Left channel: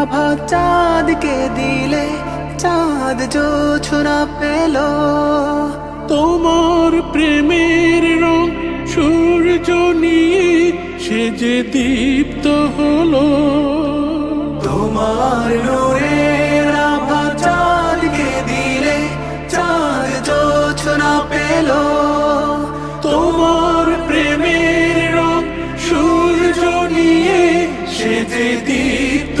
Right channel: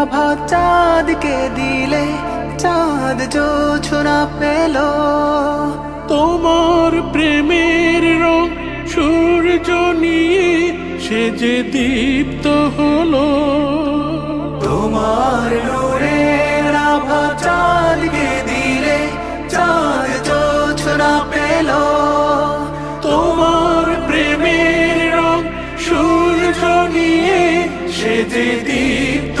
আভা চাঁদকে দিলে চাঁদ জোছনা পেল। তোমার প্রেমের রং সূর্য নিয়ে সে যে দীপ্ত হলো। তোমার নূরের আভা চাঁদকে দিলে চাঁদ জোছনা পেল। তোমার প্রেমের রং সূর্য নিয়ে সে যে দীপ্ত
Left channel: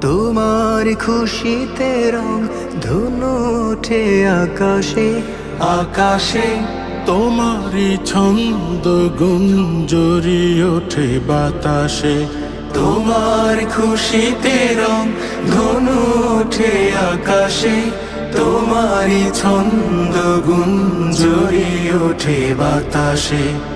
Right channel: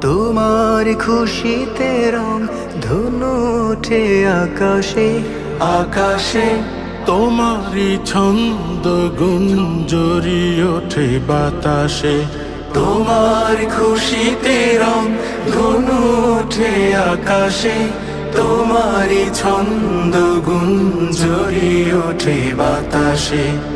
তোমার খুশিতে রং ধনু ওঠে আকাশে। আকাশে তোমারই ছন্দ গুঞ্জরি ওঠে বাতাসে। তোমার খুশিতে রং ধনু ওঠে আকাশে। তোমারই ছন্দ গুঞ্জরি ওঠে বাতাসে।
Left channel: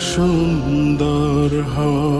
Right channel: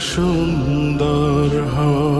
সুন্দর হয়।